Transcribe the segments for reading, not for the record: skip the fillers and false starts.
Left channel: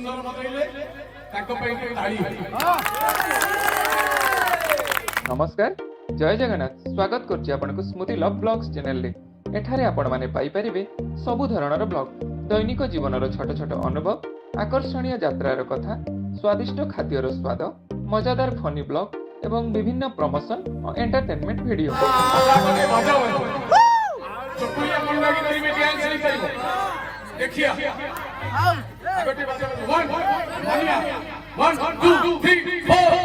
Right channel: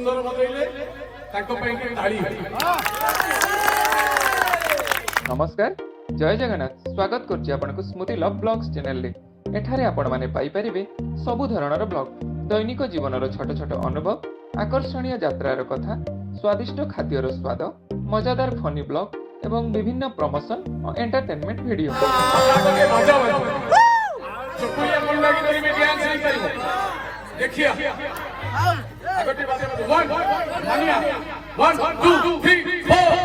ସୁନ୍ଦର ବନେଇଲେ ତାଙ୍କ ପାଇଁ ଟିକେ ତାଳି। नमस्कार जय जगन्नाथ स्वागत करछि आपनको स्मृति लव ब्लॉग्स चैनल रे। एठारे आपण माने पाई परिबे सबु धरणर ब्लॉग, दैनिक जीवनर छोट छोट अनुभव, आकर्षणीय यात्रार कथा, स्वादिष्ट खाद्यर स्वाद, मजादार फनी ब्लॉग एवं विभिन्न प्रमोशन और एंटरटेनमेंट वीडियो। देखिए 1 2 3 4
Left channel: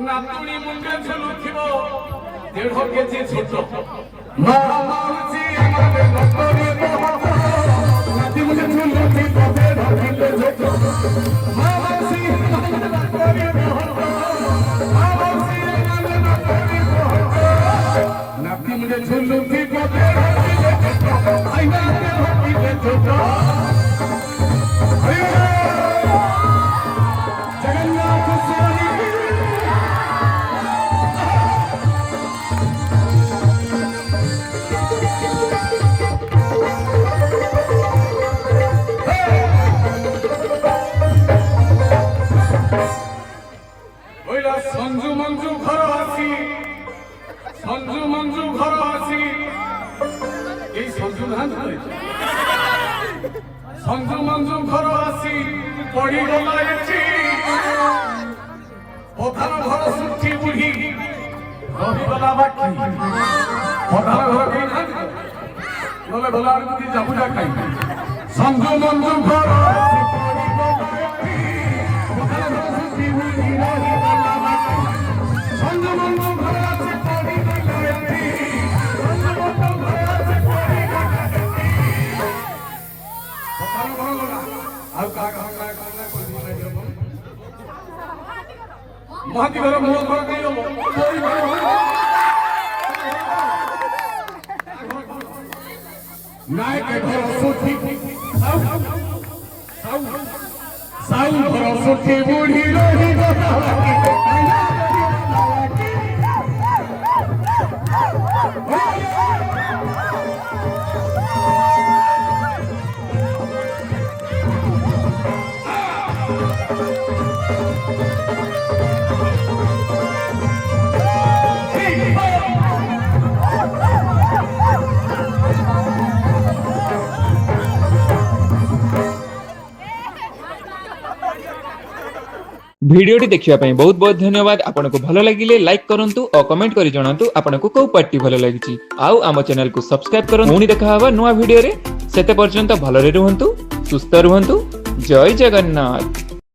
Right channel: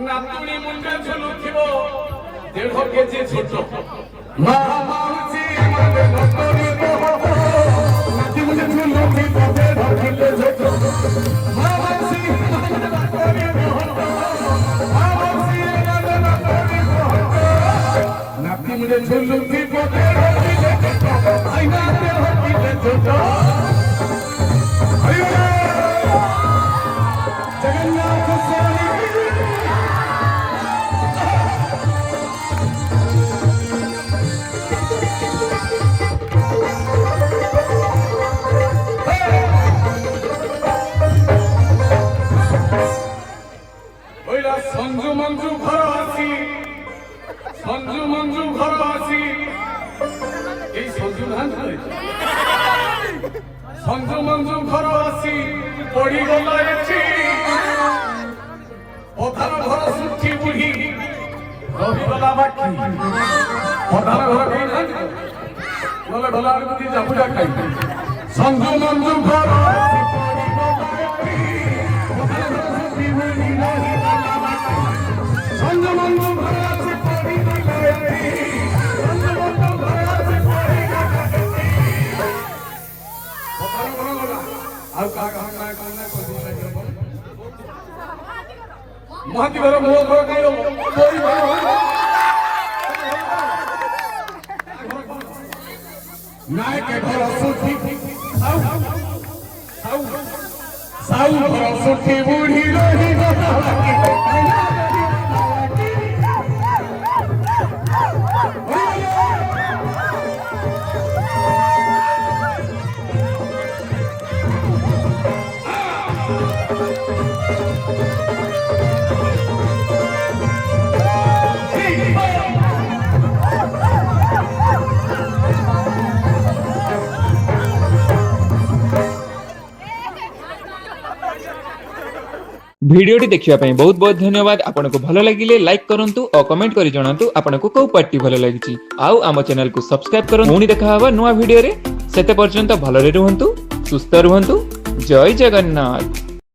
नातुणी मुंडे झुलुथिबो 1.5 केजी छोट मामासी माने नातुणी नाती मुंडे झुलुथिबो 1.5 केजी छोट मामासी माने नातुणी मामासी माने नाती मुंडे झुलुथिबो 1.5 केजी छोट आई नाती मुंडे छोट जगन्नाथ स्वामी संजू मंजू घर आसी संजू संजू मंजू घर आसी पड़ी गला पधार घर सुखी बुढ़ी रहीगला बाकी पधार घर गले गला जामुजा खाई संजू मंजू घर आसी संजू मंजू घर आसी ଆଉ କାହା କାହା କାହା କାହା ମହାନ୍ତି ଘର ମୋ ଘର କାଇଁ ନାୟକ ଘର ସୁଠି ସାଉ ଘର ସୁଠି ବୁଢୀ ରହି भिडियोटी देखिया ପାଇଁ बहुत बहुत धन्यवाद। आपनको भलो लागिले लाइक करंतु और कमेंट करी जणांतु आपनको को पार्टी भलो लागिची। आउ आम चैनल को सब्सक्राइब करंतु। पुणी देखा हवा नुवा वीडियो रे। सेते पर्यंत भलो रे रुहंतु, सुस्थ रुहंतु। जय जगन्नाथ।